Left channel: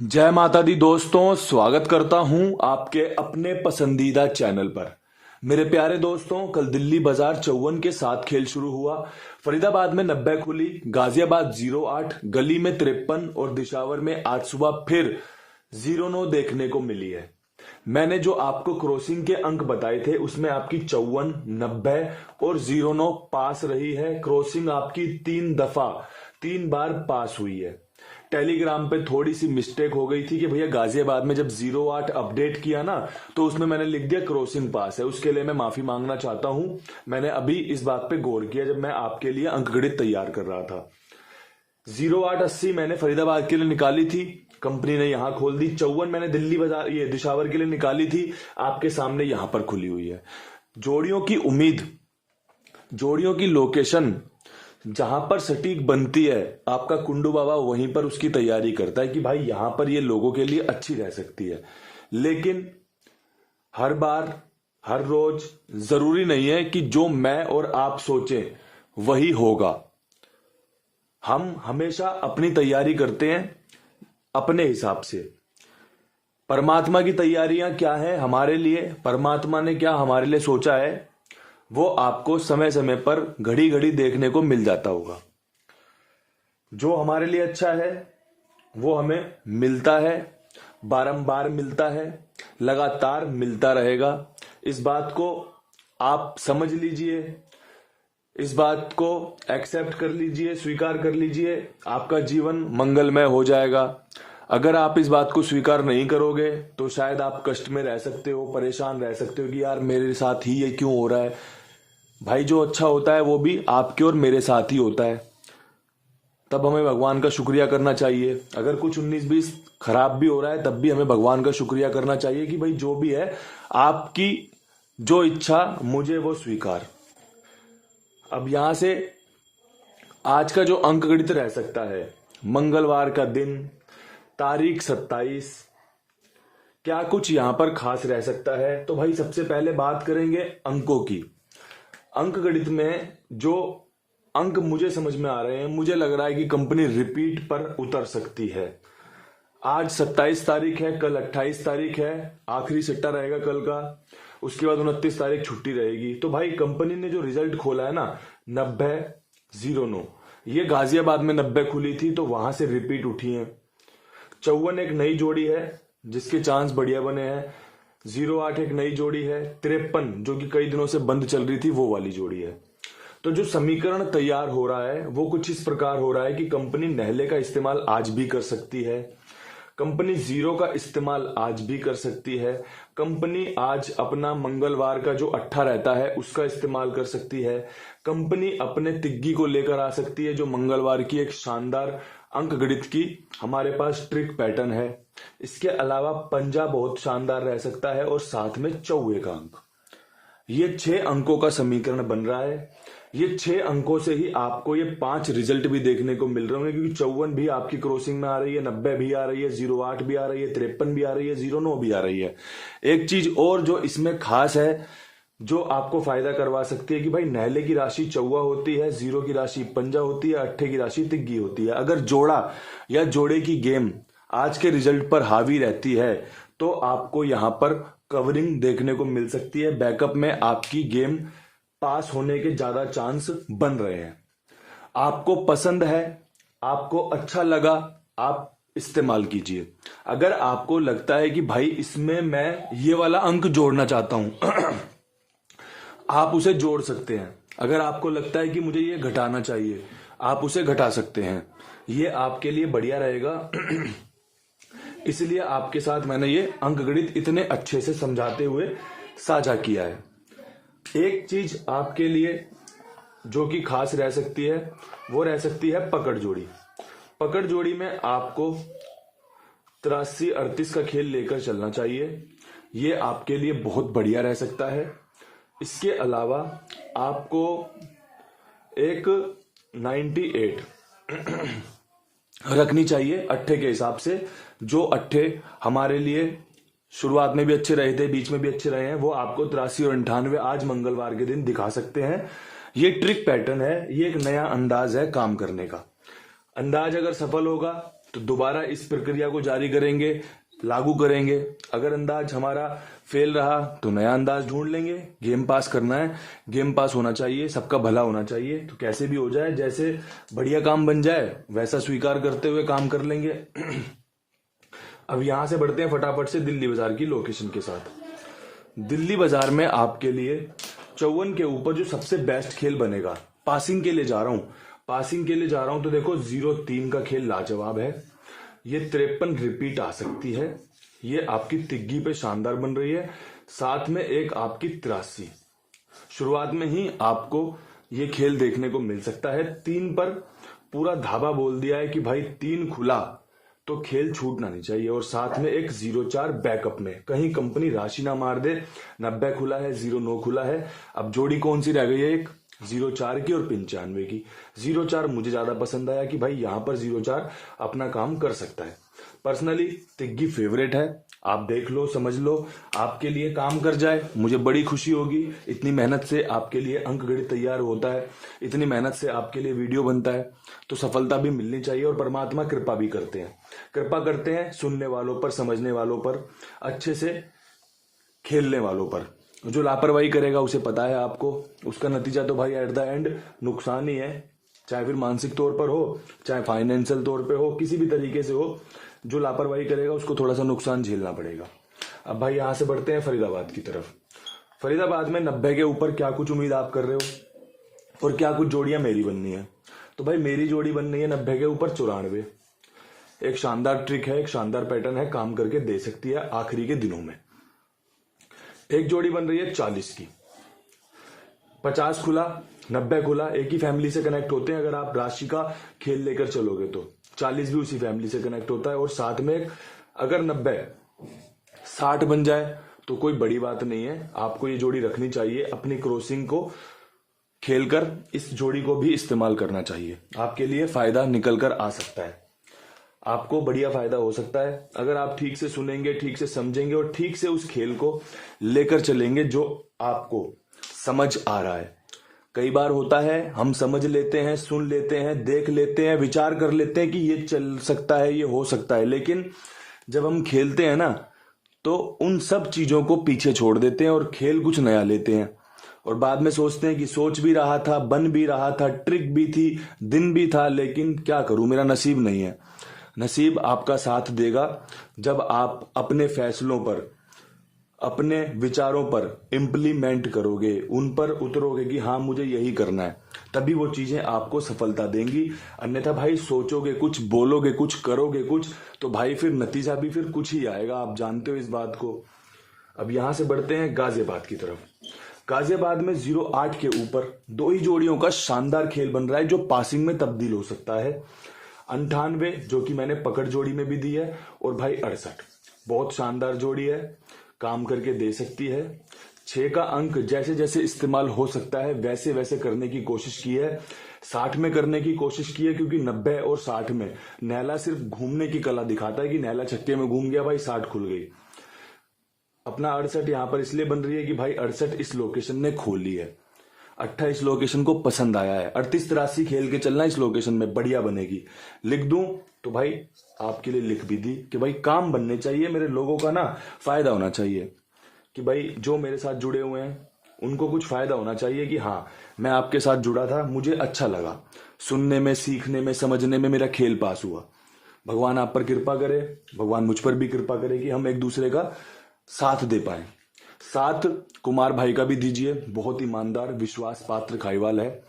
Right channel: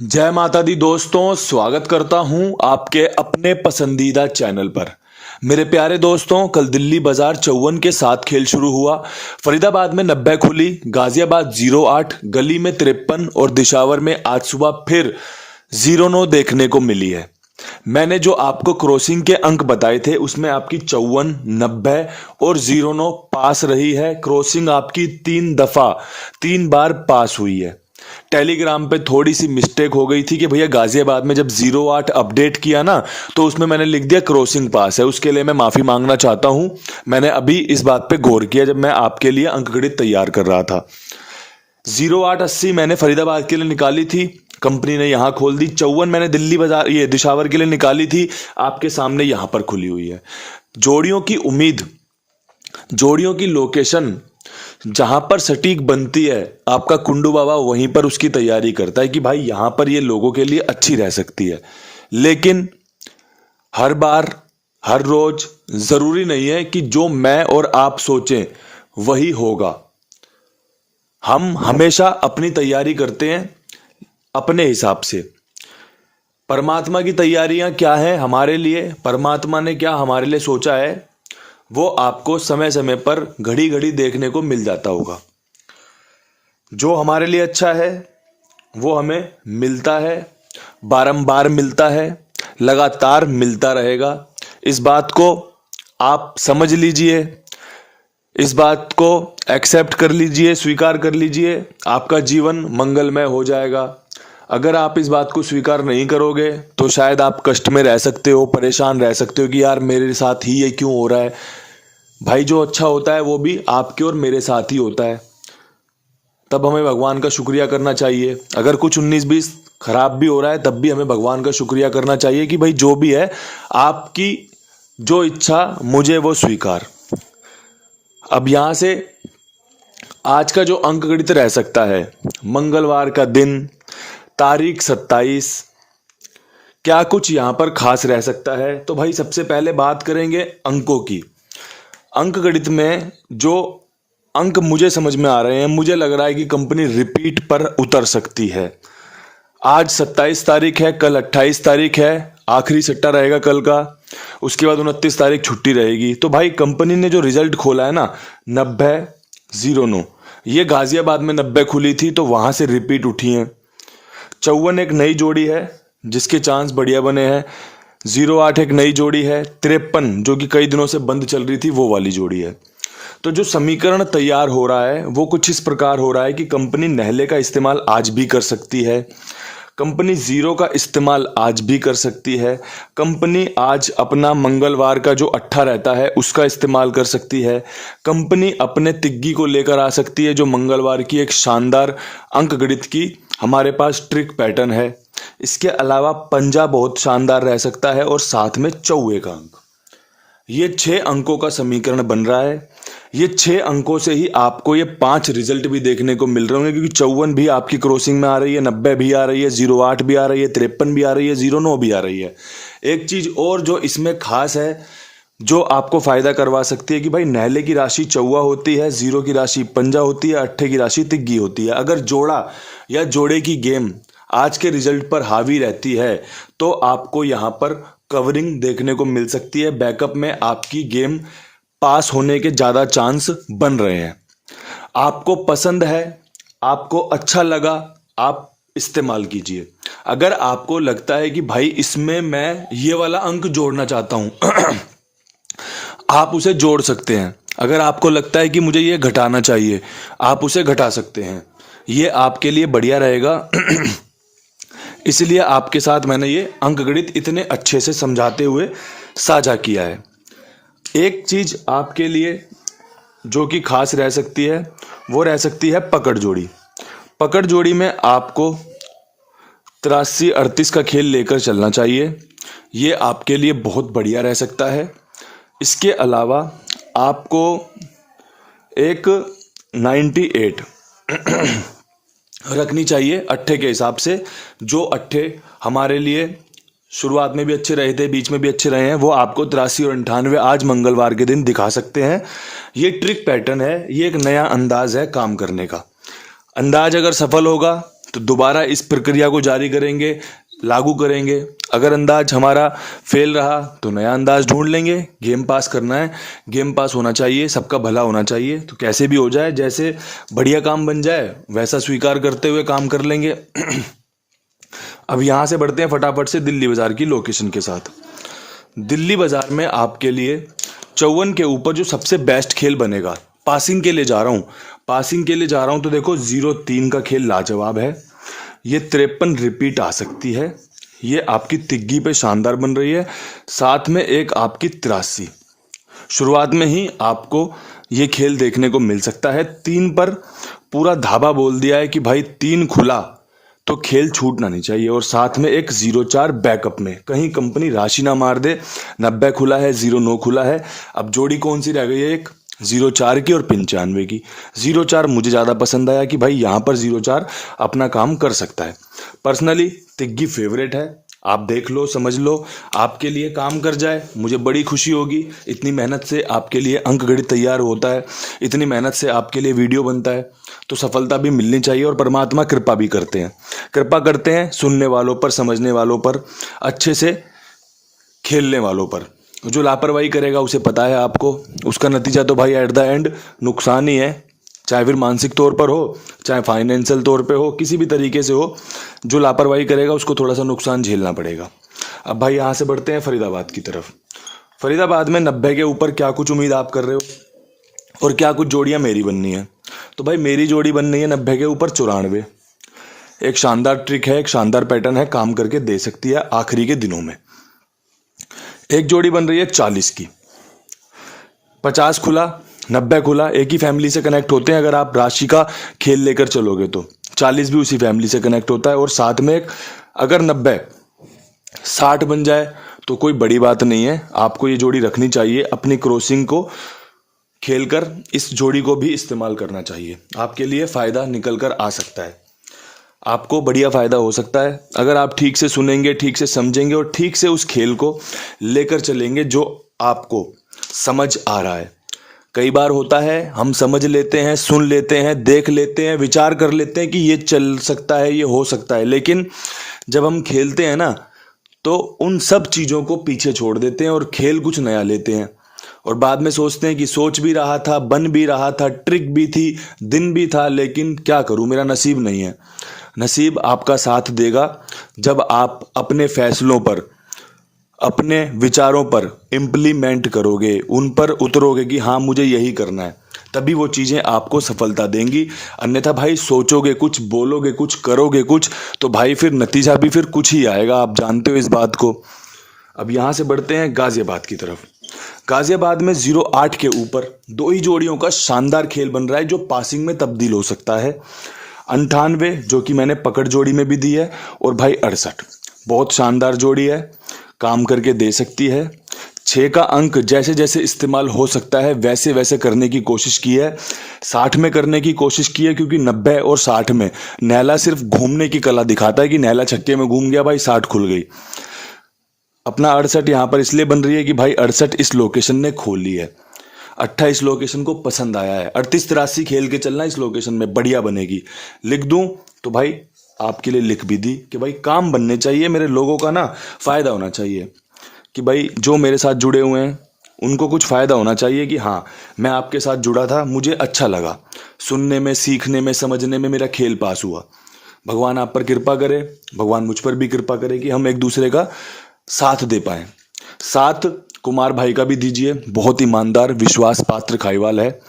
जय माता दी दोस्तों, स्वागत करता हूं आपके अपने पसंदीदा चैनल पर। मेरे प्यारे दोस्तों, कल दिल्ली बाजार 54 के साथ खेल शुरू हुआ। फरीदाबाद में 90 खुली, गाजियाबाद 08, गली में 53 और दिशावर में आज सुबह फिर 09 देखने को मिली है। मैंने जो आपको क्रॉसिंग के अंक बताए थे उसमें आपकी 54, 90 और 09 पास रही है। क्रॉसिंग आपकी 3 बार पास हुई है। टेलीग्राम पे थोड़ी सी मिस्टेक हो गई थी कि भैया गाजियाबाद में जब 08 अपडेट किया ना तो उसमें मैंने लिख दिया क्रॉसिंग पास है। उसके लिए मैं माफी मांगना चाहता हूं। मैंने अभी इस बात पे गौर किया जब मैं आपके लिए अंकगणित तैयार कर रहा था। 0880 मैंने फरीदाबाद के लिए निकाली थी, कंपनी ने यहां खोल दी। 54 मैंने दिल्ली बाजार ये दिशावर के लिए निकाली थी, आपके सामने यहां पर खुली हुई है। जोड़ियों की उम्मीद, जोड़ियों की लोकेशन जहां पर सटीक बनती है, आपका कुंडू बाबा वहीं पर उसकी तैयारी करता है कि भाई यहां पर ये लोगों के लिए अच्छी रह सकती है। लेकिन हर बार हर रोज जरूरी नहीं है कि जो मैं और आप सोचें वही होगा। हम हमेशा अपनी तैयारी करते हैं अपने हिसाब से। परमात्मा की तैयारियां क्या है हमारे लिए, परमात्मा ने क्या हमारे लिए सोचा है, वो आपको समय समय पर घड़ी घड़ी देखने को मिल जाता होगा। जो हमारे लिए अच्छा है वो हमें मिलता है, बारंबार मिलता है, लगातार मिलता रहेगा। इस बात को आप समझ लीजिए, इस बात को एक्सेप्ट कर लीजिए, स्वीकार कर लीजिए, आपका जीवन मंगलमय हो जाएगा। अगर आप इस बात को स्वीकार नहीं करोगे तो शायद आप कष्ट में रह सकते हो, परेशान रह सकते हो कि यार मेरे साथ ही ये क्यों हो रहा है। भाई जो अच्छा होता है वो भी आपके और मेरे साथ ही होता है। तब हमें भगवान का शुक्रिया करना चाहिए। अगर कुछ 19-20 खराब भी हो रहा है तब भी हमें भगवान का शुक्रिया करना चाहिए कि भाई जो भी है आपकी जो इच्छा मुझे वो स्वीकार। अब यहां से आज का जो अंक गणित रह सकता है, मंगलवार का दिन, तारीख 27, क्या कुछ यहां पर खास रह सकता है। तो भाई सबसे पहले बात करेंगे अंकों की। अंक गणित में जो अंक मुझे समझ में आ रहे हैं, मुझे लग रहा है कि कंपनी रिपीट पर उतर सकती है। आज 27 तारीख है, कल 28 तारीख है, आखिरी सट्टा रहेगा कल का। उसके बाद 29 तारीख छुट्टी रहेगी। तो भाई कंपनी ने जो रिजल्ट खोला है ना 90-09, ये गाजियाबाद में 90 खुली थी तो वहां से रिपीट उठी है। 54 एक नई जोड़ी है जिसके चांस बढ़िया बने हैं। 08 एक नई जोड़ी है। 53 जो कि कई दिनों से बंद चल रही थी वो वाली जोड़ी है। तो जो समीकरण तैयार हो रहा है वो कुछ इस प्रकार हो रहा है कि कंपनी नहले का इस्तेमाल आज भी कर सकती है, कंपनी 0 का इस्तेमाल आज भी कर सकती है, कंपनी आज अपना मंगलवार का जो अट्ठा रहता है उसका इस्तेमाल कर सकती है, कंपनी अपने तिग्गी को लेकर आ सकती है जो मंगलवार की एक शानदार अंक गणित की हमारे पास ट्रिक पैटर्न है। इसके अलावा पंजा बहुत शानदार रह सकता है और साथ में चौवे का अंक। ये 6 अंकों का समीकरण बन रहा है। ये 6 अंकों से ही आपको ये 5 रिजल्ट भी देखने को मिल रहे होंगे, क्योंकि 54 भी आपकी क्रॉसिंग में आ रही है, 90 भी आ रही है, 08 भी आ रही है, 53 भी आ रही है, 09 भी आ रही है। एक चीज और जो इसमें खास है, जो आपको फायदा करवा सकती है कि भाई नहले की राशि चौवा होती है, 0 की राशि पंजा होती है, अट्ठे की राशि तिग्गी होती है। अगर जोड़ा या जोड़े की गेम आज के रिजल्ट पर हावी रहती है तो आपको यहां पर कवरिंग देखने को मिल सकती है। बैकअप में आपकी गेम पास होने के ज्यादा चांस बन रहे हैं। आपको पसंद है, आपको अच्छा लगा, आप इस्तेमाल कीजिए। अगर आपको लगता है कि भाई इसमें मैं ये वाला अंक जोड़ना चाहता हूं आप उसे जोड़ सकते हैं। अगर आपको लगता है कि मुझे ये घटाना चाहिए आप उसे घटा सकते हैं। ये आपके लिए बढ़िया रहेगा। इसलिए आपके साथ मैंने ये अंकगणित इतने अच्छे से समझाते हुए साझा किया है। एक चीज आपके लिए जो कि खास रह सकती है वो रह सकती है पकड़ जोड़ी। पकड़ जोड़ी में आपको 83-38 का खेल लेकर चलना चाहिए। ये आपके लिए बहुत बढ़िया रह सकता है। इसके अलावा आपको एक 98 रखनी चाहिए अट्ठे के हिसाब से। जो अट्ठे हमारे लिए शुरुआत में भी अच्छे रहे थे, बीच में भी अच्छे रहे हैं, वो आपको 83 और 98 आज मंगलवार के दिन दिखा सकते हैं। ये ट्रिक पैटर्न है, ये एक नया अंदाज है काम करने का। अंदाज अगर सफल होगा तो दोबारा इस प्रक्रिया को जारी करेंगे, लागू करेंगे। अगर अंदाज हमारा फेल रहा तो नया अंदाज ढूंढ लेंगे। गेम पास करना है, गेम पास होना चाहिए, सबका भला होना चाहिए। तो कैसे भी हो जाए, जैसे बढ़िया काम बन जाए वैसा स्वीकार करते हुए काम कर लेंगे। अब यहाँ से बढ़ते हैं फटाफट से दिल्ली बाजार की लोकेशन के साथ। दिल्ली बाजार में आपके लिए 54 के ऊपर जो सबसे बेस्ट खेल बनेगा, पासिंग के लिए जा रहा हूँ, पासिंग के लिए जा रहा हूँ तो देखो 0-3 का खेल लाजवाब है। ये 53 रिपीट आ सकती है, ये आपकी तिग्गी पे शानदार बन रही है। साथ में एक आपकी 83 शुरुआत में ही आपको ये खेल देखने को मिल सकता है। 3 पर पूरा धाबा बोल दिया है कि भाई 3 खुला तो खेल छूटना नहीं चाहिए। और साथ में एक 0-4 बैकअप में, कहीं कंपनी राशि ना मार दे। 90 खुला है, 0-9 खुला है। अब जोड़ी कौन सी रह गई है, एक 0-4 की और 95 की। 0-4 मुझे ज़्यादा पसंद आया कि भाई यहाँ पर 0-4 अपना काम कर सकता है। पर्सनली तिग्गी फेवरेट है, आप देख लो, समझ लो, आपके लिए काम कर जाए मुझे बड़ी खुशी होगी। इतनी मेहनत से आपके लिए अंक गणित तैयार होता है, इतनी मेहनत से आपके लिए वीडियो बनता है, तो सफलता भी मिलनी चाहिए। और परमात्मा कृपा भी करते हैं, कृपा करते हैं सुनने वालों पर, समझने वालों पर, अच्छे से खेलने वालों पर। जो लापरवाही करेगा उसे पता है आपको, उसका नतीजा तो भाई एट द एंड नुकसान ही है। चाहे फिर मानसिक तौर पर हो, चाहे फाइनेंशियल तौर पे हो, किसी भी तरीके से हो, जो लापरवाही करेगा उसको थोड़ा सा नुकसान झेलना पड़ेगा। अब भाई यहाँ से बढ़ते हैं फरीदाबाद की तरफ। फरीदाबाद में 90 के ऊपर क्या कुछ उम्मीद आप कर रहे हो और क्या कुछ जोड़ियाँ मेरी बननी है। तो भाई मेरी जोड़ी बन रही है 90 के ऊपर 94। एक शानदार ट्रिक है, एक शानदार पैटर्न है, काम करके दे सकती है आखिरी के दिनों में। एक जोड़ी बन रही है 40 की, 50 खुला, 90 खुला, एक ही फैमिली से कनेक्ट होते हैं। अगर आप राशि का खेल लेकर चलोगे तो 40 भी उसी फैमिली से कनेक्ट होता है। और साथ में एक अगर 90 60 बन जाए तो कोई बड़ी बात नहीं है, आपको ये जोड़ी रखनी चाहिए। अपनी क्रॉसिंग को खेलकर इस जोड़ी को भी इस्तेमाल करना चाहिए, आपके लिए फ़ायदा निकल कर आ सकता है, आपको बढ़िया फ़ायदा हो सकता है अगर आप ठीक से सुनेंगे, ठीक से समझेंगे और ठीक से उस खेल को लेकर चलेंगे जो आपको समझ आ रहा है। कई बार होता है हम समझ लेते हैं, सुन लेते हैं, देख लेते हैं, विचार कर लेते हैं कि ये चल सकता है, ये हो सकता है, लेकिन जब हम खेलते हैं ना तो उन सब चीज़ों को पीछे छोड़ देते हैं और खेल कुछ नया लेते हैं। और बाद में सोचते हैं कि सोच भी रहा था, बन भी रहा था, ट्रिक भी थी, दिन भी था, लेकिन क्या करूं, मेरा नसीब नहीं है। नसीब आपका साथ देगा जब आप अपने फैसलों पर, अपने विचारों पर इम्प्लीमेंट करोगे, उन पर उतरोगे कि हाँ मुझे यही करना है, तभी वो चीज़ें आपको सफलता देंगी। अन्यथा भाई सोचोगे कुछ, बोलोगे कुछ, करोगे कुछ, तो भाई फिर नतीजा भी फिर कुछ ही आएगा, आप जानते हो इस बात को। अब यहाँ से बढ़ते हैं गाजियाबाद की तरफ। गाजियाबाद में 0-8 के ऊपर 2 ही जोड़ियों का शानदार खेल बन रहा है जो पासिंग में तब्दील हो सकता है। 98 जो कि मैंने पकड़ जोड़ी में भी दी है, और भाई 68 बहुत शानदार जोड़ी है, काम करके दे सकती है। 6 का अंक जैसे जैसे इस्तेमाल हो सकता है वैसे वैसे करने की कोशिश की है। 60 में करने की कोशिश की है, क्योंकि 90 और 60 में नैला सिर्फ घूमने की कला दिखाता है कि नैला छक्के में घूम गया भाई, 60 खुल गई। अपना 68 यहाँ पर इसलिए बन रही है कि भाई 68 इस लोकेशन ने खोली है, 28 लोकेशन को पसंद आया है। 38-83 खेल के चलना इस लोकेशन में बढ़िया बनेगी। लिख दूं तो भाई आपके लिए लिख भी दी कि भाई काम बनने चाहिए, मेरे लोगों का ना फ़ायदा होना चाहिए, कि भाई जो मेरे साथ जुड़े हुए हैं उनको कुछ फ़ायदा होना चाहिए कि हाँ मैं आपके साथ जुड़ा था, मुझे अच्छा लगा, सुनने में, सीखने में, समझने में मेरा खेल पास हुआ। भगवान आप पर कृपा करे, भगवान मुझ पर भी कृपा करे कि हम एक दूसरे का साथ दे पाए। साथ कुमार भाई का भी दीजिए, बहुत ईमानदार, विश्वास पात्र खाईवाल है,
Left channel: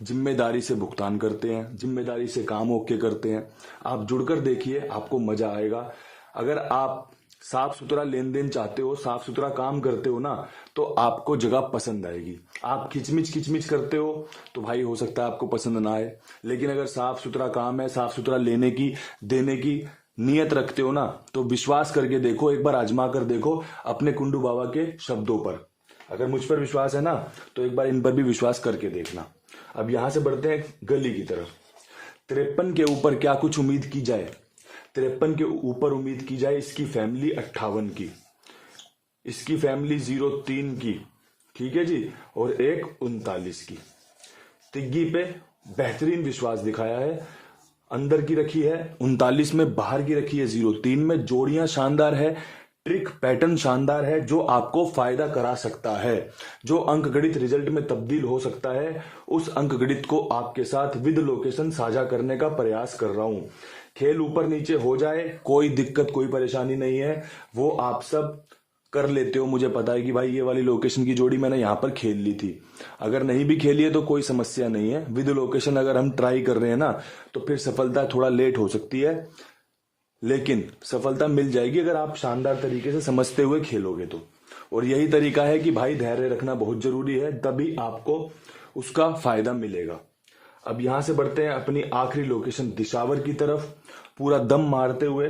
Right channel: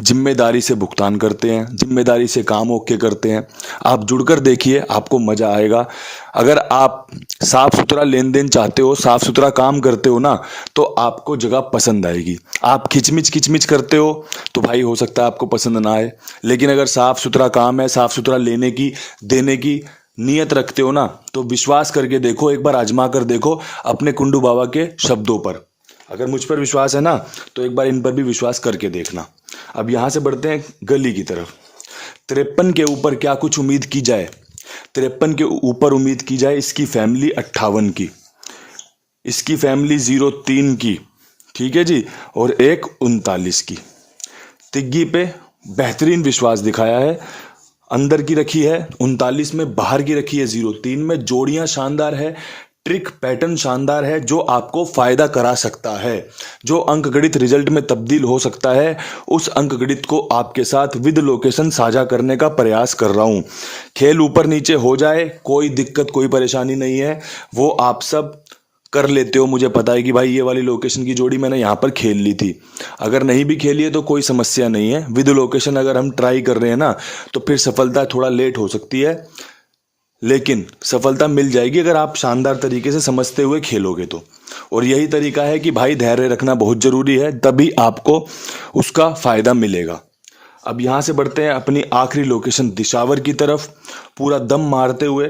जिम्मेदारी से भुगतान करते हैं, जिम्मेदारी से काम ओके करते हैं। आप जुड़कर देखिए, आपको मज़ा आएगा। अगर आप साफ सुथरा लेन देन चाहते हो, साफ सुथरा काम करते हो ना, तो आपको जगह पसंद आएगी। आप खिचमिच करते हो तो भाई हो सकता है आपको पसंद ना आए, लेकिन अगर साफ सुथरा काम है, साफ सुथरा लेने की, देने की नियत रखते हो ना, तो विश्वास करके देखो, एक बार आजमा कर देखो अपने कुंडू बाबा के शब्दों पर। अगर मुझ पर विश्वास है ना, तो एक बार इन पर भी विश्वास करके देखना। अब यहाँ से बढ़ते हैं गली की तरफ। 53 के ऊपर क्या कुछ उम्मीद की जाए। 53 के ऊपर उम्मीद की जाए इसकी फैमिली 58 की, इसकी फैमिली 03 की, ठीक है जी, और एक 39 की। तिग्गी पे बेहतरीन विश्वास दिखाया है, अंदर की रखी है 39 में, बाहर की रखी है 03 में। जोड़ियां शानदार है, ट्रिक पैटर्न शानदार है, जो आपको फायदा करा सकता है, जो अंकगणित रिजल्ट में तब्दील हो सकता है। उस अंकगणित को आपके साथ विद लोकेशन साझा करने का प्रयास कर रहा हूं। खेल ऊपर नीचे हो जाए, कोई दिक्कत कोई परेशानी नहीं है, वो आप सब कर लेते हो। मुझे पता है कि भाई ये वाली लोकेशन की जोड़ी मैंने यहाँ पर खेल ली थी। अगर नहीं भी खेली है तो कोई समस्या नहीं है। विद लोकेशन अगर हम ट्राई कर रहे हैं ना, तो फिर सफलता थोड़ा लेट हो सकती है, लेकिन सफलता मिल जाएगी अगर आप शानदार तरीके से समझते हुए खेलोगे तो। और यही तरीका है कि भाई धैर्य रखना बहुत जरूरी है, तभी आपको उसका फायदा मिलेगा। अब यहाँ से बढ़ते हैं अपनी आखिरी लोकेशन दिशावर की तरफ। पूरा दम मारते हुए,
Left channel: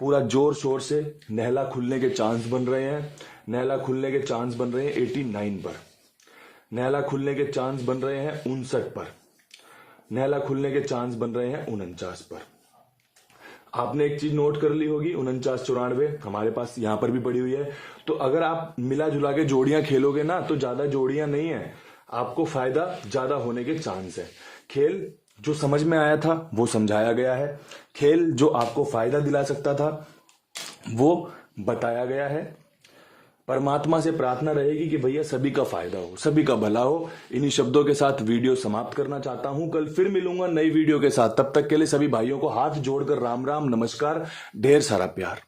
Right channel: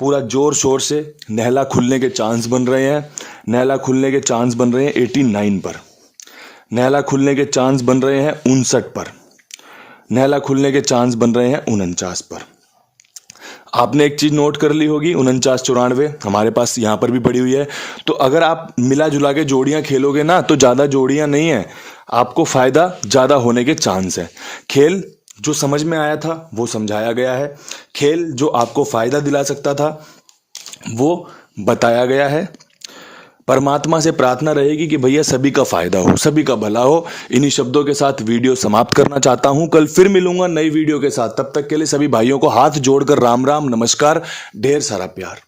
पूरा जोर शोर से नहला खुलने के चांस बन रहे हैं। नहला खुलने के चांस बन रहे हैं 89 पर। नहला खुलने के चांस बन रहे हैं 59 पर। नहला खुलने के चांस बन रहे हैं 49 पर। आपने एक चीज नोट कर ली होगी, 49 94 हमारे पास यहाँ पर भी पड़ी हुई है। तो अगर आप मिला जुला के जोड़ियां खेलोगे ना, तो ज्यादा जोड़ियां नहीं है, आपको फायदा ज्यादा होने के चांस है। खेल जो समझ में आया था वो समझाया गया है, खेल जो आपको फायदा दिला सकता था वो बताया गया है। परमात्मा से प्रार्थना रहेगी कि भैया सभी का फायदा हो, सभी का भला हो। इन्हीं शब्दों के साथ वीडियो समाप्त करना चाहता हूं। कल फिर मिलूंगा नई वीडियो के साथ। तब तक के लिए सभी भाइयों को हाथ जोड़कर राम राम, नमस्कार, ढेर सारा प्यार।